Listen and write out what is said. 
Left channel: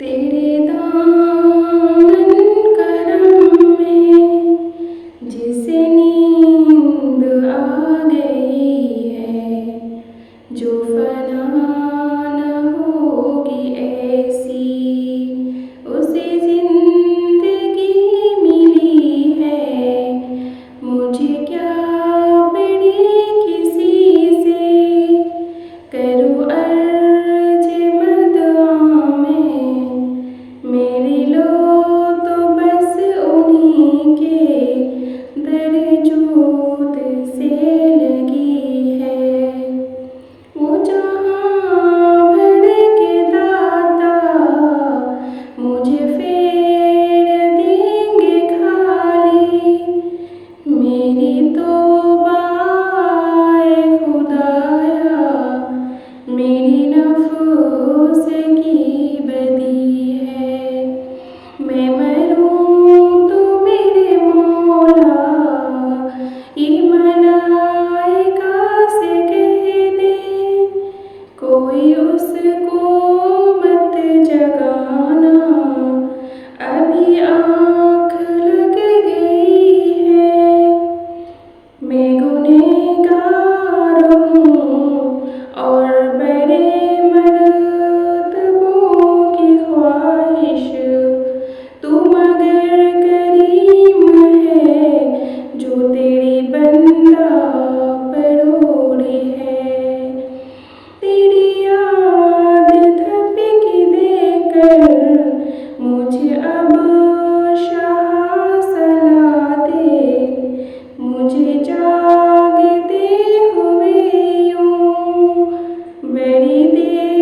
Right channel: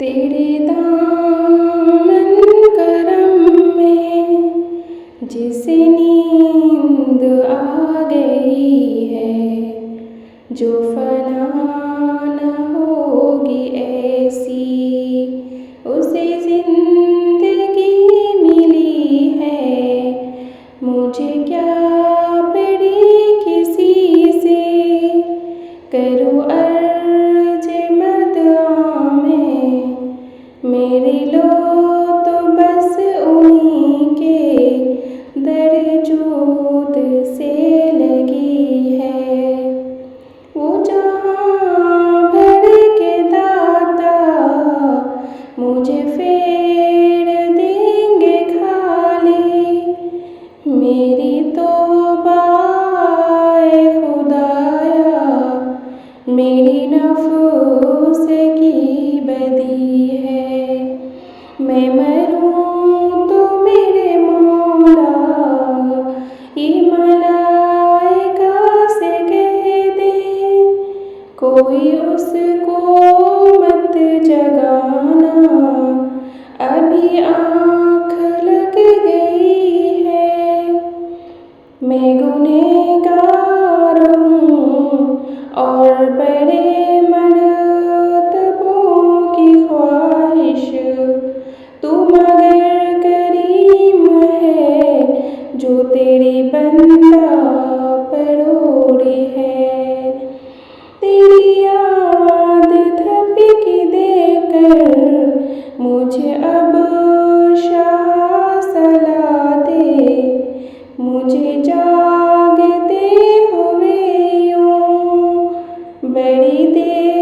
तेरे दामन करम में जिसे नींद आ गई है, जो फना न होगी ऐसी उसे जिंदगी मिली है। मुझे क्या पड़ी किसी से करूँ अर्ज मदआ में, मेरी लो तो बस उन्हीं के दरजूद से लगी है। वो जहाँ भर के दाता मुझे फेर देंगे खाली, मेरी तौबा ए खुदाया, मेरी नफ्स की बदी है। मैं मरूं तो मेरे मौला ये मलाइका से कह दे, कोई उसको मत जगाना, अभी आँख लग गई है। मैं गुनहगार हूँ और बड़े मर्तबों की ख्वाहिश, तू मगर करीम है जो तेरी बंदा पर ओढ़े है। तेरी याद थपकी देकर मुझे अब शाह सला दे, मुझे जागते हुए यूं बड़ी देर